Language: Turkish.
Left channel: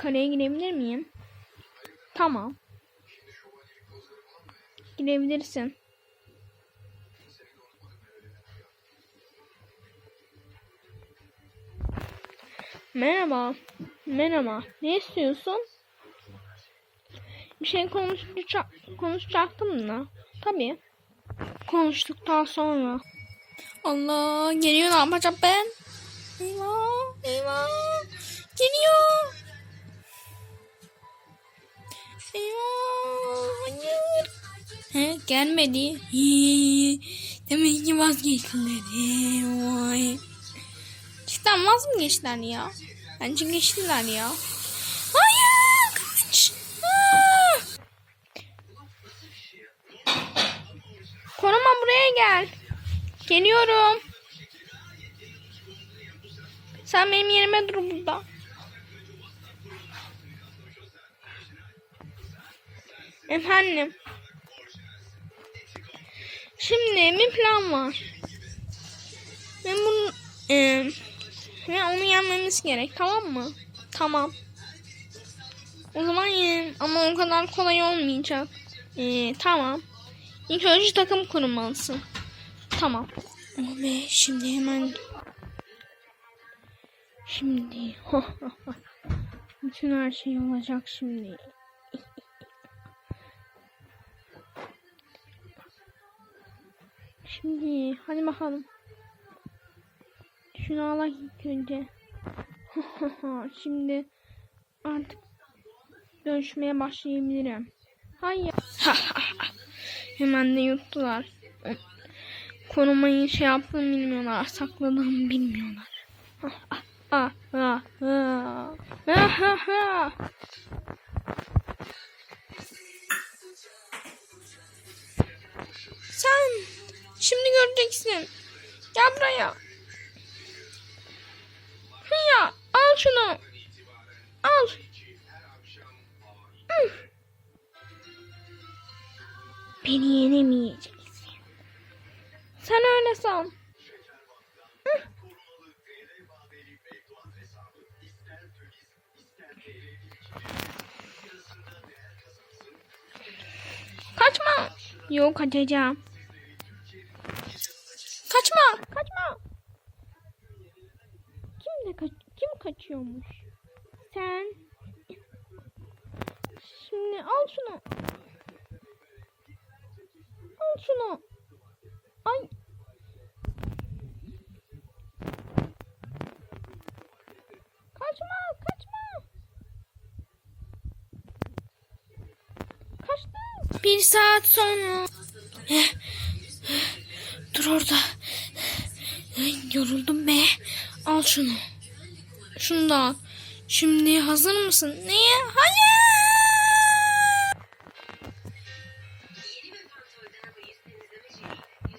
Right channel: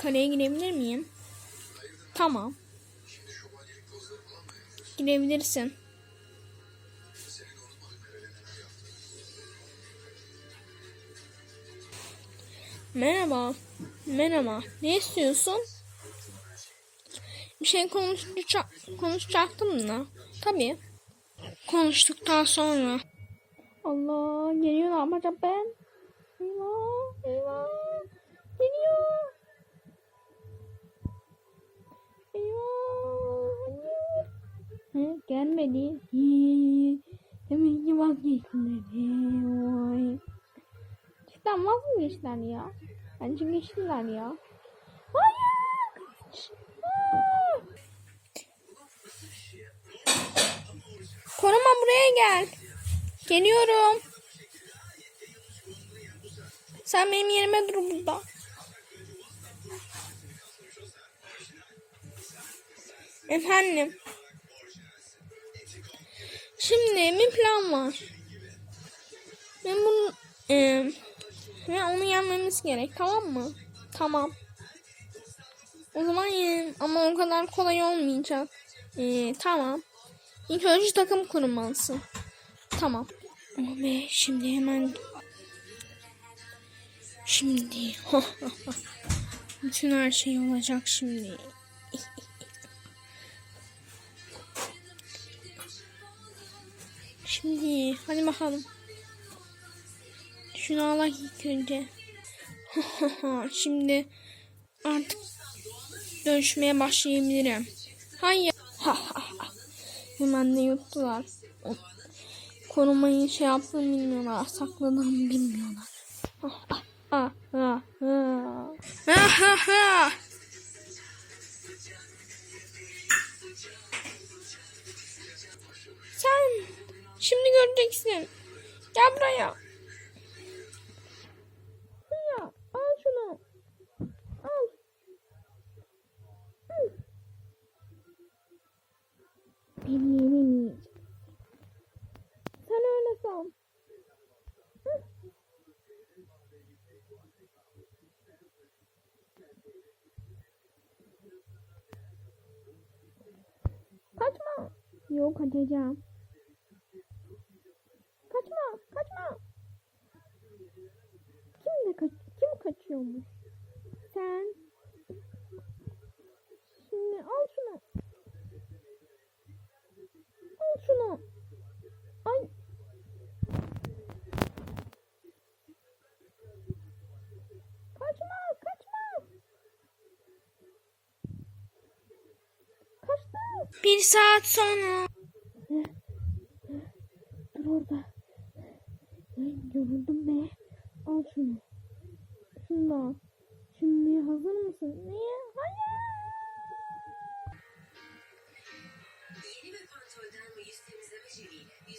Kaleye girebilir miyim? Tamam. Girebilirsin. Merhaba. Merhaba. Ne istiyorsun? Bir şey konuşacak, konuşacaktım da. Tabii. Konuştuktan sonra. Allah geliyor ne yapacağım ben? Eyvah. Eyvah. Geliyor. Eyvah. Hayır. He, gelmedi. Hii. Demek ki vazgeçtiler. Vay. Cidden vaz mı geçtiler ya? Bence geçtiler ya. Hayır. Kaç. Aa! Koruma buraya gel. Geliyorum. Sen benim yerime dur burada. Efendim. Şimdi bir plan var. Ben bunu e, ve onu yenmemiz gerek tamam mı? Tamam. O zaman yen ama o kadar kolay olmayacak. E, tamam. İlk önce takım kurmalısın. Tamam. Ve şimdi hemen Şimdi bütün her şey olacak şimdi. Şimdi hadi bakalım. Şunu al ilk önce. Şimdi artık dönüşmeye başlayabilirim. Hayır. Hemen de yuttular. Korumayı şey yaptığımı bilmiyorlar. Sakladığımı bilmiyorlar. Ah, ah, ah. Ah, göreceksin. Gel buraya. Ya al şunu. Al. Hı. Beni yenemeyeceksin. Sen öyle san. Kaçma. Yok kaçacağım. Kaçma, kaçma. Kim de kaç kim kaçıyormuş? Sen. Şimdi al şunu. Al şunu. Ay. Kaçma, kaçma. Kaçtı. Bir saat sonra. Dur orada. Yoruldum be. Al şunu. Şunu da al. Şimdi hazır mısın? Neye? Hayır.